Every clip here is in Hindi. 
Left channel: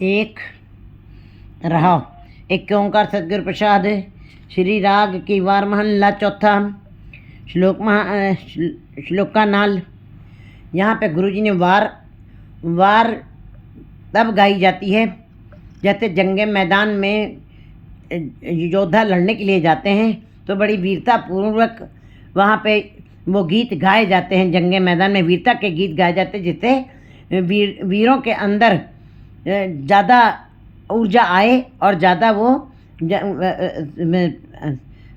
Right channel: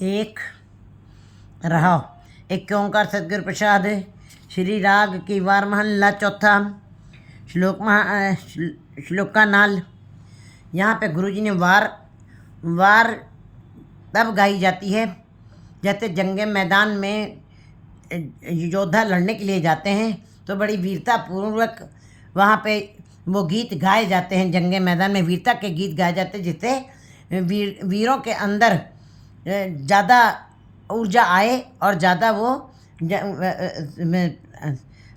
एक रहा। एक ओंकार सतगुरु प्रसाद। श्री राग की वार महला चौथा। श्लोक का नाल। यहाँ पे गुरुजी ने वार तब गाई जाती है जैसे जंगे मैदान में योद्धा लड़ने के लिए जाते हैं तो बड़ी वीरता पूर्वक वहाँ पे वो गीत गाए जाते हैं। जंगे मैदान में वीरता के गीत गाए जाते हैं जिससे वीरों के अंदर ज़्यादा ऊर्जा आए और ज़्यादा वो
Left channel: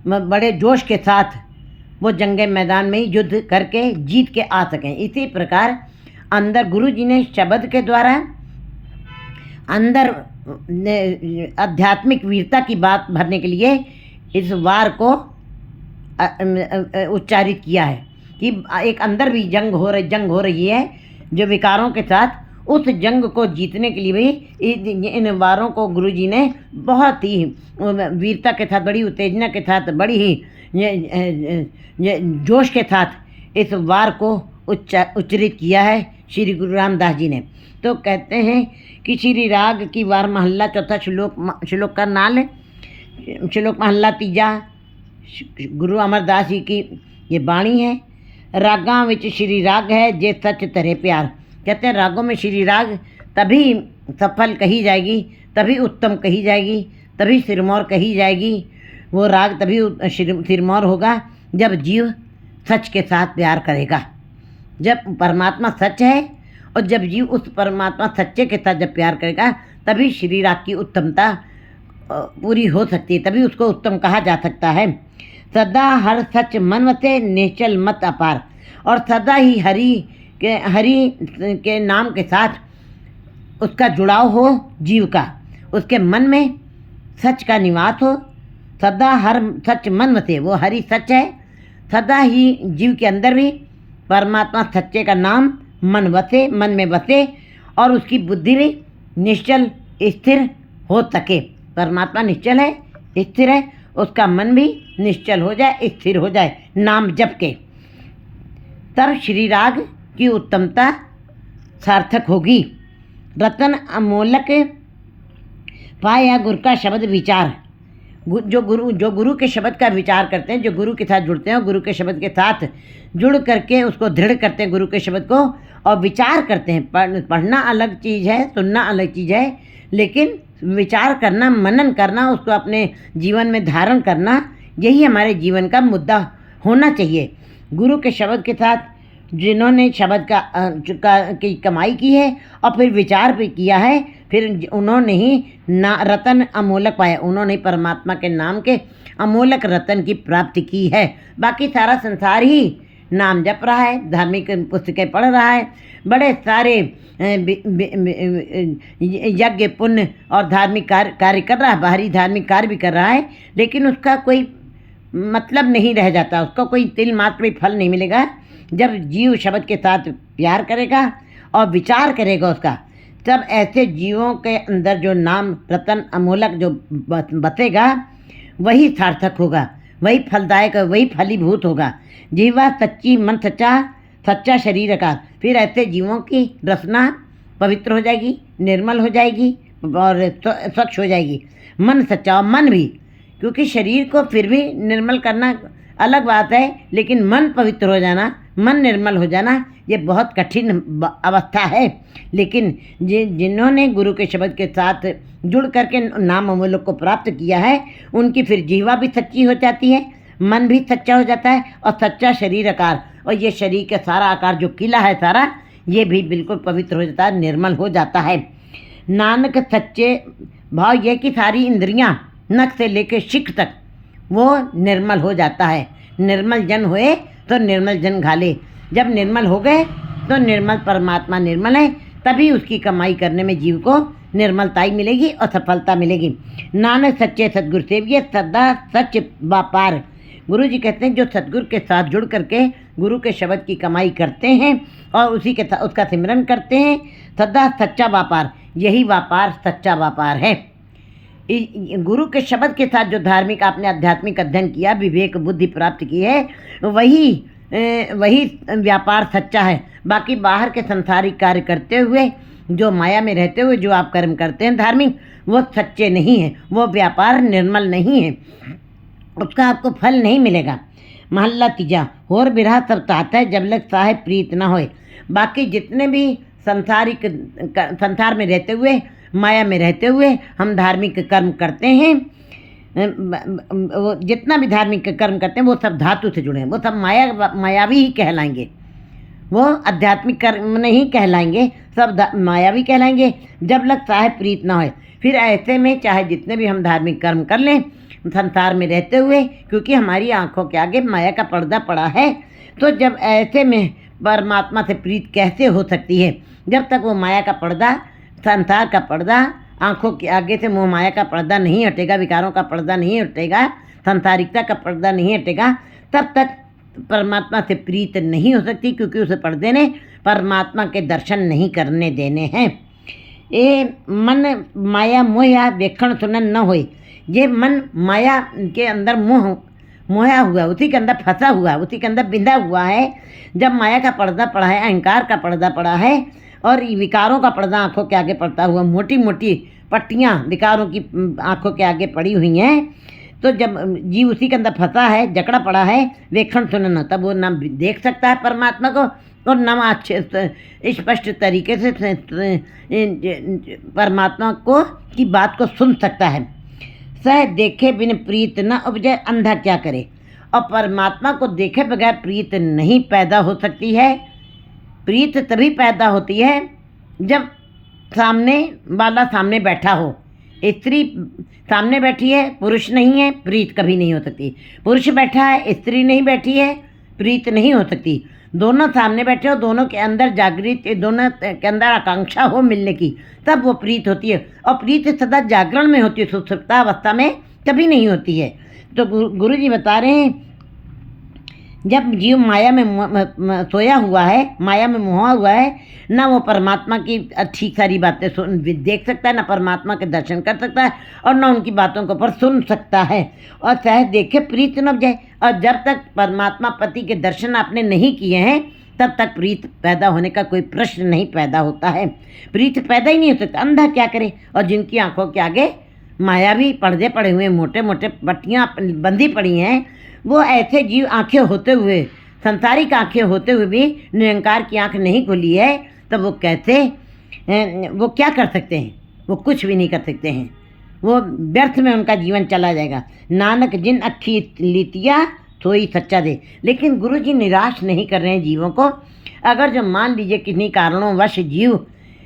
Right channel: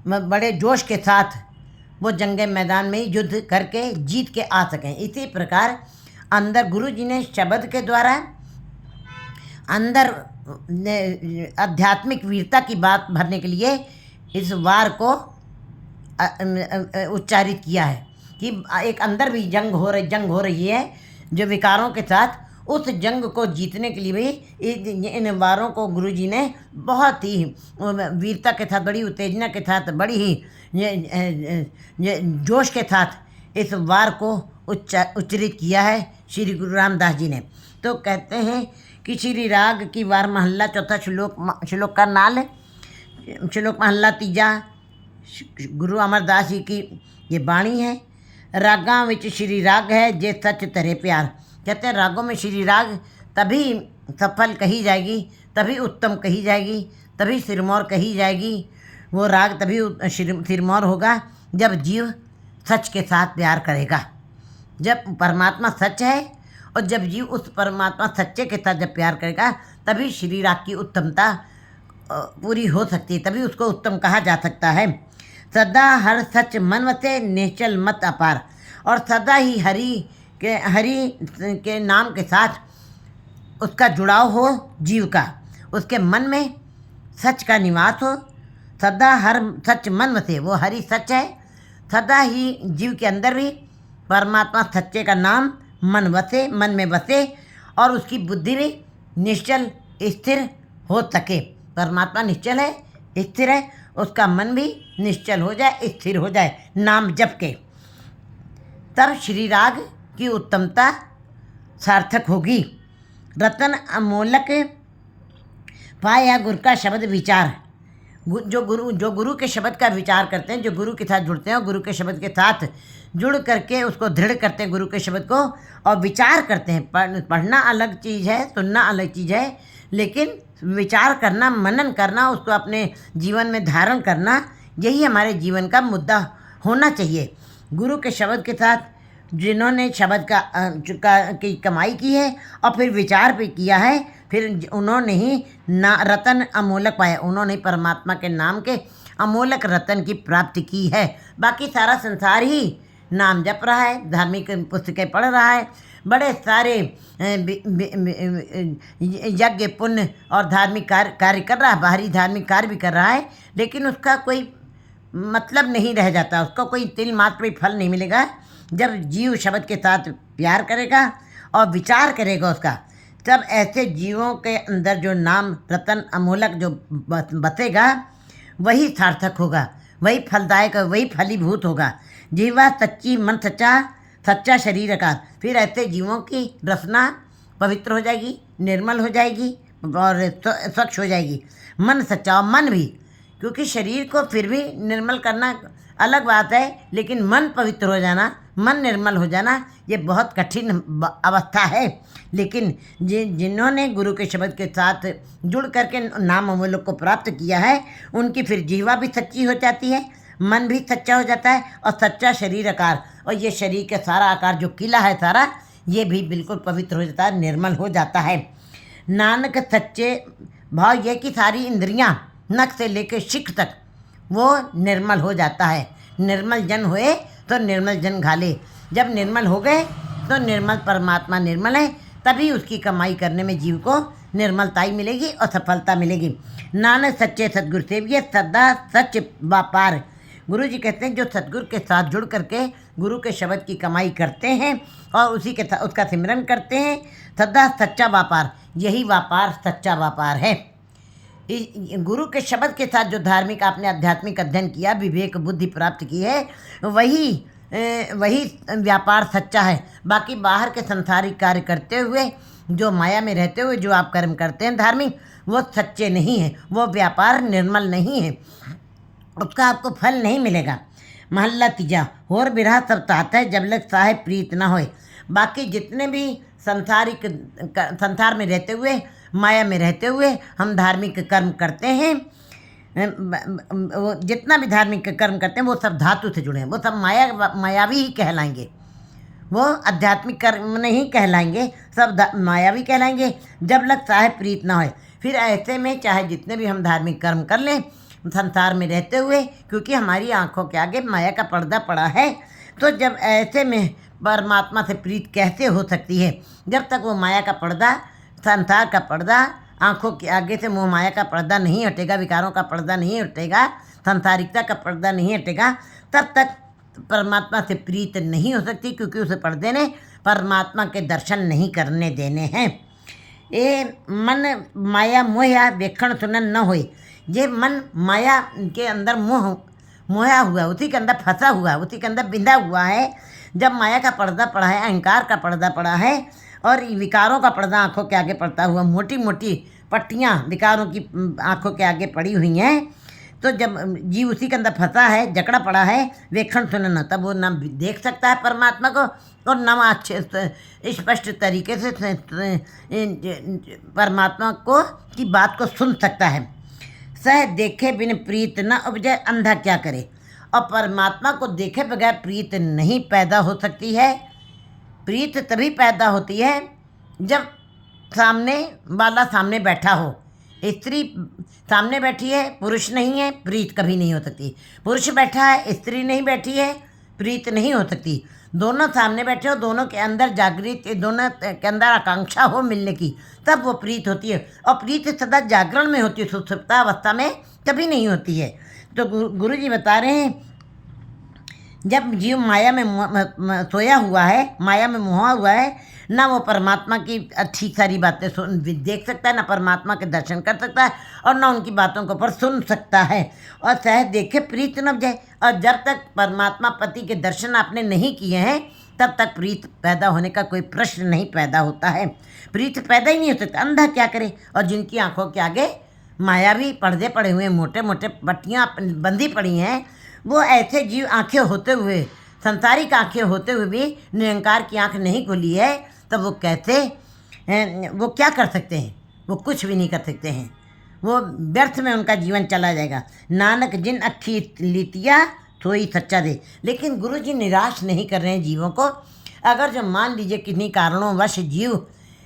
बड़े जोश के साथ वो जंगे मैदान में युद्ध करके जीत के आ सकें। इसी प्रकार अंदर गुरु जी ने शब्द के द्वारा अंदर आध्यात्मिक वीरता की बात भरने के लिए इस वार को उच्चारित किया है कि एक अंदर भी जंग हो रही है जो विकारों के साथ। उस जंग को जीतने के लिए भी इन वारों को गुरुजी ने बहुत ही वीरता के साथ, बड़ी उत्तेजना के साथ, बड़ी ही जोश के साथ इस वार को उच्चरित किया है श्री गुरु रामदास जी ने। तो कहते हैं कि श्री राग की वार महला चौथा। श्लोक का नाल है। श्लोक महला तीजा। गुरु अमरदास जी की ये बाणी है। रागां विच श्री राग है जे सच तरे प्यार। कहते हैं रागों में श्री राग तभी सफल कही जाएगी, तभी उत्तम कही जाएगी, तभी सिरमौर कही जाएगी। वो राग तभी सिरमौर होगा जब जीव सच के साथ प्यार करेगा। जब परमात्मा सच है और जब जीव उस परमात्मा सच्चे के साथ जब प्यार करेगा तभी श्री राग की उत्तमता पूरी हो सकती है, तभी उसको उत्तम कहा जा सकता है। सदा हर सच मन वसे निश्चल मत अपार। और सदा ही हरि के नाम के साथ उसका जुड़ाव हो जीव का, उसके मन में सच का निवास हो। सदा हर सच मन वसे, वो हरि सच है, सदा ही जीव के अंदर भी परमात्मा सच्चे का नाम मन में बसे और उसकी बुद्धि भी निश्चल स्थिर हो सके। परमात्मा निश्चल है, स्थिर है, उसका मन भी निश्चल हो जाए, स्थिर हो जाए नाम जप के, तब श्री राग की उत्तमता सार्थक होगी। रतन अमोलक पाया गुरु का शब्द विचार। जो गुरु के शब्द का विचार करते हैं, जो गुरु के साथ जुड़ते हैं और गुरु के शब्द के साथ जुड़ करके उसको दृढ़ करते हैं गुरु के शब्द को और विचार करते हैं। पढ़ना अलग चीज़ है, सुनना अलग चीज़ है, लेकिन विचार करना, मनन करना, उसको अपने जीवन में धारण करना, यही हमारे जीवन का मुद्दा होना चाहिए। गुरु के शब्द के साथ जिन्होंने शब्द की कमाई की है और फिर विचार भी किया है, फिर उन्होंने ही रतन अमोलक पाया। उन्होंने परमात्मा के नाम के अमोलक रतन की प्राप्ति की है। बाकी सारा संसार ही नाम जप रहा है, धार्मिक पुस्तकें पढ़ रहा है, बड़े सारे यज्ञ पुण्य और धार्मिक कार्य कर रहा है, बाहरी धार्मिक कार्य भी कर रहा है, लेकिन उसका कोई मतलब नहीं रह जाता, उसका कोई तिल मात्र भी फल नहीं मिलेगा। जब जीव शब्द के साथ प्यार करेगा और विचार करेगा उसका, तब ऐसे जीवों के अंदर जो नाम रतन अमोलक जो बसेगा वही सार्थक होगा, वही फलदायक, वही फलीभूत होगा। जीवा सच्ची, मन सच्चा शरीर का। फिर ऐसे जीवों की रसना पवित्र हो जाएगी, निर्मल हो जाएगी और स्वच्छ हो जाएगी। मन सच्चा और मन भी, क्योंकि शरीर को फिर भी निर्मल करना अलग बात है, लेकिन मन पवित्र हो जाना, मन निर्मल हो जाना, ये बहुत कठिन अवस्था है। लेकिन जिन्होंने गुरु के शब्द के साथ जुड़ करके नाम अमोलक को प्राप्त किया है, उनकी फिर जीवा भी सच्ची हो जाती है, मन भी सच्चा हो जाता है और सच्चा शरीर आकार, और ये शरीर का सारा आकार जो किला है सारा, ये भी बिल्कुल पवित्र हो जाता है, निर्मल हो जाता है। नानक सच्चे भाव ये कि सारी इंद्रियां नख से लेकर शिख तक वो निर्मल हो जाता है। निर्मल जन हुए तो निर्मल जन घाले। जब निर्मल हो गए तो निर्मल परमात्मा निर्मल है, तभी उसकी कमाई करने में जीव को निर्मलता ही मिलेगी और सफलता मिलेगी। नानक सच्चे सतगुरु सेविये सदा सच व्यापार। गुरु जी कहते हैं जो सतगुरु के साथ जुड़ करके गुरु के शब्द की कमाई करते हैं और उसी के साथ उसका सिमरन करते हैं, सदा सच्चा व्यापार, यही व्यापार सच्चा व्यापार है। गुरु के शब्द के साथ जो धार्मिक आपने आध्यात्मिक अध्ययन किया, विवेक बुद्धि प्राप्त की है, वही वही व्यापार सच्चा है। बाकी बाहर के संसारिक कार्य करते हुए, जो माया में रहते हुए जो आप कर्म करते हैं धार्मिक, वो सच्चे नहीं हैं, वो व्यापार निर्मल नहीं है, उसका आपको फल नहीं मिलेगा। महल्ला तीजा, होर बिरहा सब तात है, जब लग साहेब प्रीत ना होए। बाकी जितने भी संसार में रहते हुए, माया में रहते हुए हम धार्मिक कर्म करते हैं, वो जितना भी धार्मिक कर्म करते हैं वो सब धातु से जुड़े हैं, वो सब मायावी ही कहलाएंगे, वो आध्यात्मिक कर्म नहीं कहलाएंगे, सब मायावी कहलाएंगे जब लग साहेब प्रीत ना होए। फिर ऐसे में चाहे जितने भी हम धार्मिक कर्म कर लें संसार में रहते हुए, क्योंकि हमारी आंखों के आगे माया का पर्दा पड़ा है, तो जब ऐसे में परमात्मा से प्रीत कैसे हो सकती है? जब तक वो माया का पर्दा, संसार का पर्दा, आंखों के आगे से मोह माया का पर्दा नहीं हटेगा, विकारों का पर्दा नहीं हटेगा, सांसारिकता का पर्दा नहीं हटेगा, तब तक परमात्मा से प्रीत नहीं हो सकती, क्योंकि उस पर्दे ने परमात्मा के दर्शन नहीं करने देने हैं। ये मन माया मोया वेखण सुनन न होए। ये मन माया के अंदर मोया हुआ, उसी के अंदर फंसा हुआ, उसी के अंदर बिंधा हुआ है। जब माया का पर्दा पड़ा है, अहंकार का पर्दा पड़ा है और विकारों का पर्दा आंखों के आगे पड़ता हुआ, मोटी मोटी पट्टियाँ विकारों की आंखों के आगे पड़ी हुई हैं, तो जब जीव उसी के अंदर फंसा है, जकड़ा पड़ा है, वेखण सुनना, तब वो न देख सकता है परमात्मा को और न अच्छे स्पष्ट तरीके से परमात्मा को की बात को सुन सकता है। सह देखे बिन प्रीत न उपजे, अंधा क्या करे। और परमात्मा को देखे बगैर प्रीत नहीं पैदा हो सकती है। प्रीत तभी पैदा होती है जब सामने वाला सामने बैठा हो। स्त्री सामने बैठी है, पुरुष नहीं है, प्रीत कभी नहीं हो सकती। पुरुष बैठा है, स्त्री नहीं बैठी है, प्रीत नहीं हो सकती। दोनों सामने बैठे हो, दोनों के अंदर जागृत, दोनों के अंदर आकांक्षा हो मिलने की, तब वो प्रीत होती है। और प्रीत सदा जागरण में होती है, सुषुप्ता अवस्था में कभी नहीं होती है। तो गुरु जी बता रहे हैं, जब जीव माया में सोया हुआ है, माया में मोहा हुआ है, ना वो परमात्मा की अच्छी सारी बातें देख सकता है, ना परमात्मा के दर्शन कर सकता है, और ना उनकी बातों को पर सुन सकता है। और चाहे देखे प्रीत न जाए। और जब तक परमात्मा पति के दर्शन आपने नहीं किए हैं, तब तक प्रीत पैदा होने का कोई प्रश्न नहीं पैदा होता है। प्रीत पैदा ही नहीं हो सकता। अंधा क्या करे। और जिनकी आंखों के आगे मायावी पर्दे पड़े हुए, मोटे मोटे पट्टियाँ बंधी पड़ी हैं, वो ऐसे जीव आंखें होते हुए, संसारिक आंखें होते हुए भी निरंकार की आंख नहीं खुली है, तब वो कहते वो क्या कर सकते हैं? वो कुछ भी नहीं कर सकते हैं। वो व्यर्थ में उनका जीवन चला जाएगा। नानक जिन अक्खी लीतिया सोई सच्चा दे। लेकिन गुरु जी निराश नहीं कर रहे हैं जीवों को। अगर जो मान लीजिए किन्हीं कारणों वश जीव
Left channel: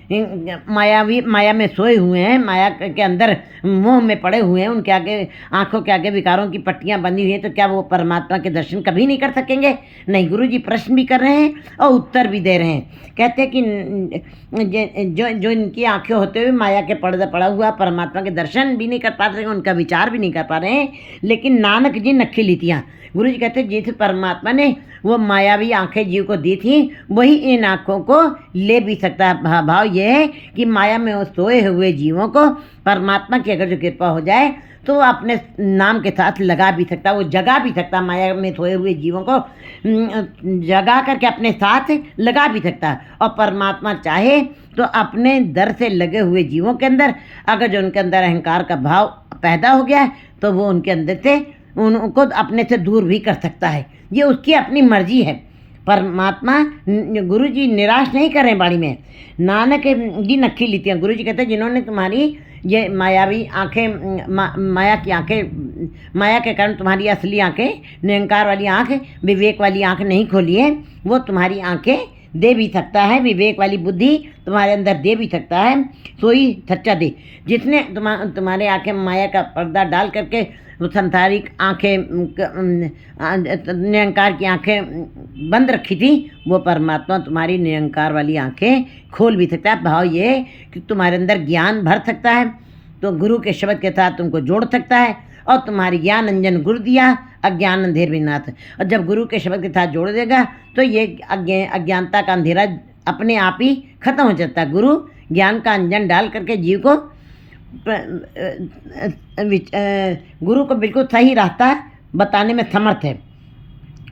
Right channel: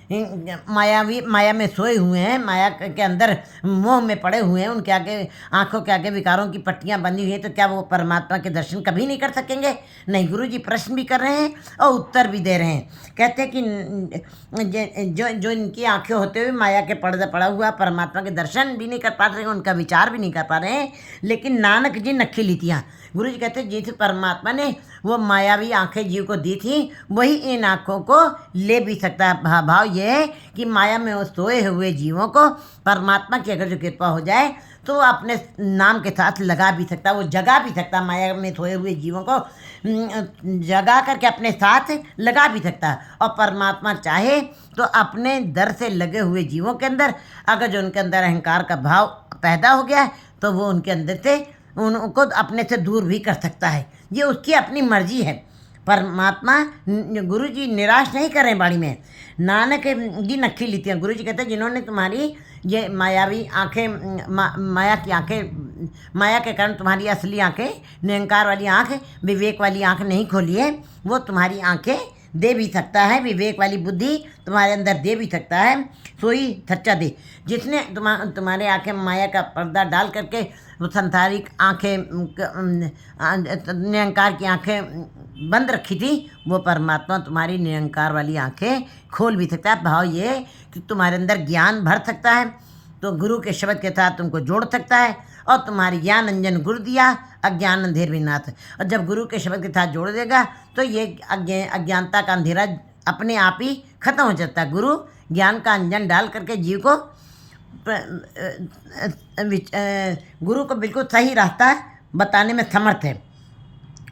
माया में सोए हुए हैं, माया के अंदर मोह में पड़े हुए हैं, उनके आगे आंखों के आगे विकारों की पट्टियां बंधी हुई हैं, तो क्या वो परमात्मा के दर्शन कभी नहीं कर सकेंगे? नहीं। गुरु जी प्रश्न भी कर रहे हैं और उत्तर भी दे रहे हैं। कहते हैं कि जो इनकी आंखें होते हुए माया के पर्दा पड़ा हुआ, परमात्मा के दर्शन भी नहीं कर पा रहे हैं, उनका विचार भी नहीं कर पा रहे हैं, लेकिन नानक जी नक्खी लीतियाँ। गुरु जी कहते हैं जिस परमात्मा ने वो मायावी आंखें जीव को दी थी, वही इन आंखों को ले भी सकता है। भाव ये है कि माया में वो सोए हुए जीवों को परमात्मा की अगर जो कृपा हो जाए तो वो अपने नाम के साथ लगा भी सकता है, वो जगा भी सकता है। माया में सोए हुए जीवों को जगा करके अपने साथ लगा भी सकता है। और परमात्मा चाहे तो अपने दर से लगे हुए जीवों के अंदर अगर जो उनके अंदर अहंकार का भाव पैदा हो गया है, तो वो उनके अंदर से उनको अपने से दूर भी कर सकता है। ये उसकी अपनी मर्जी है। परमात्मा गुरु जी निराश नहीं कर रहे हैं बाणी में। नानक जी नक्खी लीतियाँ। गुरु जी कहते हैं जिन्होंने तुम्हारी ये मायावी आँखें, माया की आँखें, माया के कारण तुम्हारी असली आँखें, निरंकार वाली आँख, विवेक वाली आँख नहीं खोली है, वो तुम्हारी आँखें दे भी सकता है, विवेक वाली बुद्धि तुम्हारे अंदर दे भी सकता है। सोई सच्चा दे। जिसने तुम्हारे आँखें माया का पर्दा डाल करके वो संसारिक आँखें, निरंकार की आँखें बंद रखी थी, वो परमात्मा तुम्हारी निरंकार वाली आँखें खोल भी सकता है। भाव ये कि तुम्हारे अंदर ज्ञान भर सकता है, तो गुरु के शब्द के साथ तुमको जोड़ सकता है, और तुम्हारी ज्ञान अंजन गुरु दिया, अज्ञान अंधेर विनाथ। और जब गुरु के शब्द के साथ जोड़ देगा तो ये अज्ञानता का अंधेरा अपने आप ही खत्म हो जाता है। गुरु ज्ञान का अंजन डाल करके जीव को, गुरु को बिल्कुल सही रास्ता बताने में समर्थ है।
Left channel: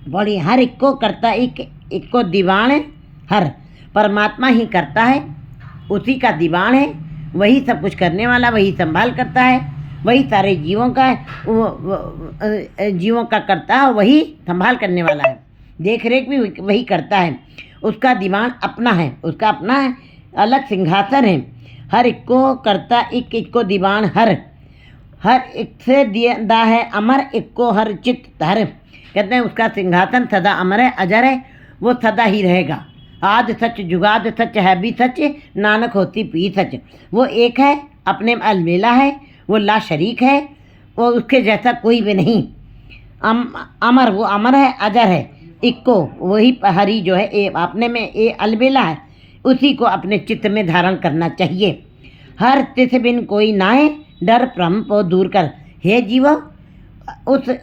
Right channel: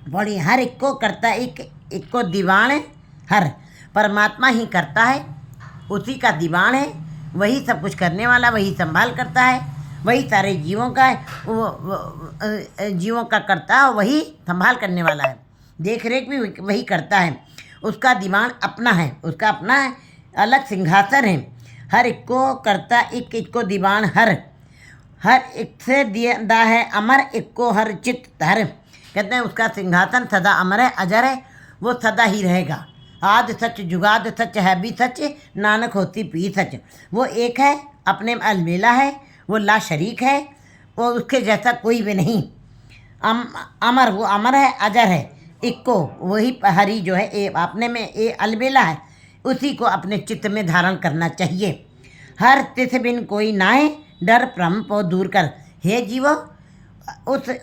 बड़ी हर एक को करता, एक को दीवान हर परमात्मा ही करता है, उसी का दीवान है, वही सब कुछ करने वाला, वही संभाल करता है, वही सारे जीवों का जीवों का करता है, वही संभाल करने वाला है, देख रेख भी वही करता है। उसका दीवान अपना है, उसका अपना अलग सिंहासन है। हर एक को करता, एक को दीवान हर एक से दिया है अमर, एक को हर चित धर। कहते हैं उसका सिंहासन सदा अमर है, अजर है, वो सदा ही रहेगा। आद सच जुगाद सच है भी सच, नानक होती पी सच। वो एक है, अपने में अलमेला है, वो ला शरीक है, वो उसके जैसा कोई भी नहीं। अमर, वो अमर है, अजर है। इक्को वही हरि जो है अपने में अलबेला है, उसी को अपने चित्त में धारण करना चाहिए। हर तिथ बिन कोई नाहे, डर भ्रम को दूर कर। हे जीवो,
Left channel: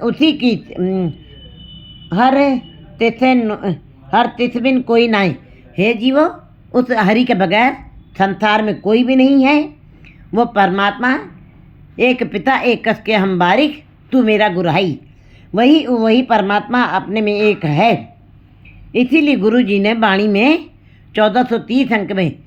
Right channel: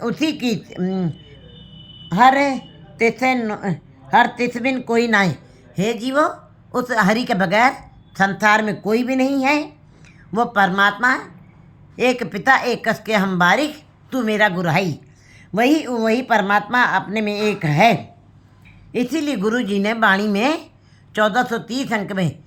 उसी की हर तिथ बिन कोई नाहे। हे जीवो, उस हरि के बगैर संसार में कोई भी नहीं है। वो परमात्मा एक पिता एक कस के हम बारिक, तू मेरा गुरहाई। वही परमात्मा अपने में एक है। इसीलिए गुरु जी ने वाणी में 1430 अंक में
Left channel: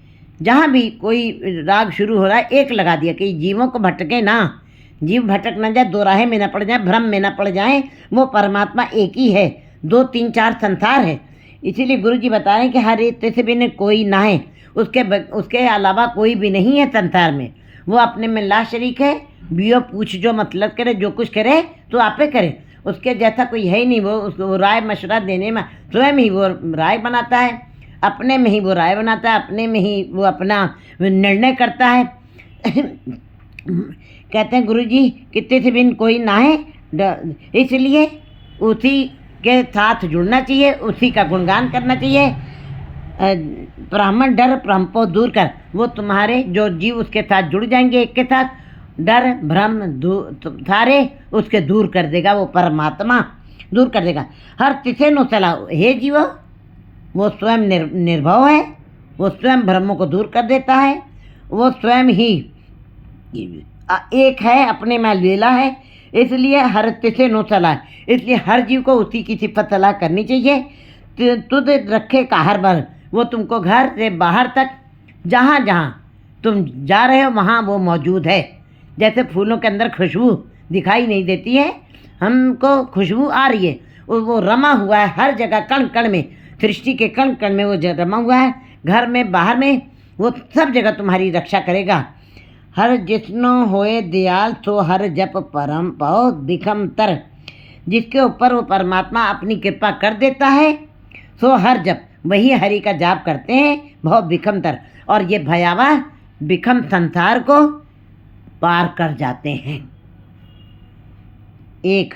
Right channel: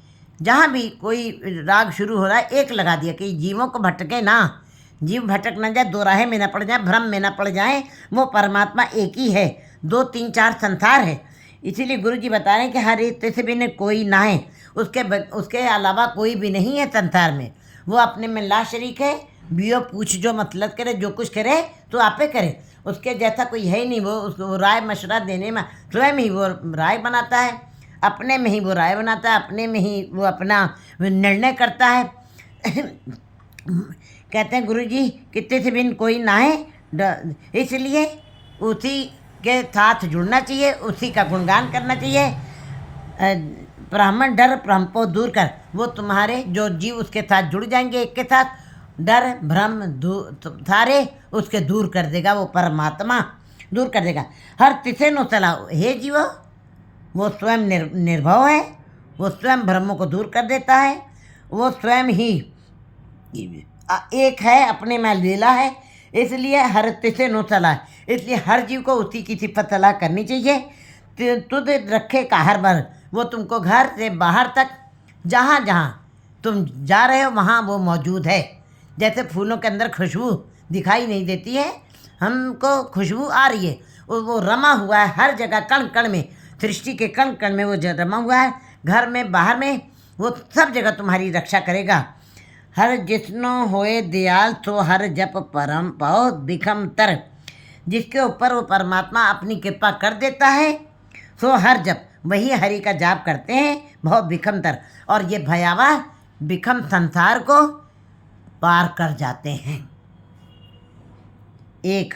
जहाँ भी कोई राग शुरू हो रहा है एक लगा दिया कि जीवों को भटके ना, जीव भटक ना जाए, दो राहें में ना पड़ जाए, भ्रम में ना पड़ जाए। वो परमात्मा एक ही है, 2 3 4 संसार है। इसीलिए गुरु जी बता रहे हैं कि हर एक से भी कोई ना है, उसके अलावा कोई भी नहीं है संसार में। वो अपने में ला शरीक है। बियो पूछ जो मतलब करे, जो कुछ करे तो आपे करे, उसके जैसा कोई है ही नहीं। वो राय मशवरा देने में स्वयं ही वो राय बनाता है, अपने में ही वो राय बनाता है, अपने में ही वो अपना निर्णय करता है। कहते हैं गुरु जी कितने से बिन कोई ना है, इसलिए उसी के साथ जुड़ना चाहिए, उसी का गुणगान करना चाहिए। ब्राह्मण डर भ्रम को दूर कर। वो तुम्हारे जो जीव उसके साथ जुड़ जाएंगे, एक के साथ डर भ्रम सारे उसके दूर कर देगा, वो परमात्मा दूर कर देगा। हर तिसे नो चला। हे जीवो, वो स्वयं निर्भव है, वो स्वयं भ्रमों को दूर कर देता है, वो स्वयं ही एक है, अपने में लीला है। इसलिए हर तिसे नो चला, इसलिए हर जीव को उसी की सिफत सलाह करनी चाहिए। तुद रखे काहर भर, वो तुमको घर से बाहर तक जहाँ जहाँ तुम जा रहे हो वहाँ वो मौजूद है। जैसे फूलों के अंदर खुशबू दिखाई नहीं देती है, हमको खुशबू आ रही है, वो रमा हुआ है हर जगह, कण कण में, सृष्टि के कण कण में वो रमा हुआ है, घर में बाहर में, वो सब जगह तुम्हारी रक्षा करेगा। हर जिसनो होए दयाल सो हर जप परम पाओ दिखम तर। जिसके ऊपर वो परमात्मा अपनी कृपा कर देता है सो हर जप, वही हरि का जाप करते हैं बहुत बिखम तर, और ये भयावह बिखम संसार को पार कर जाते हैं। एक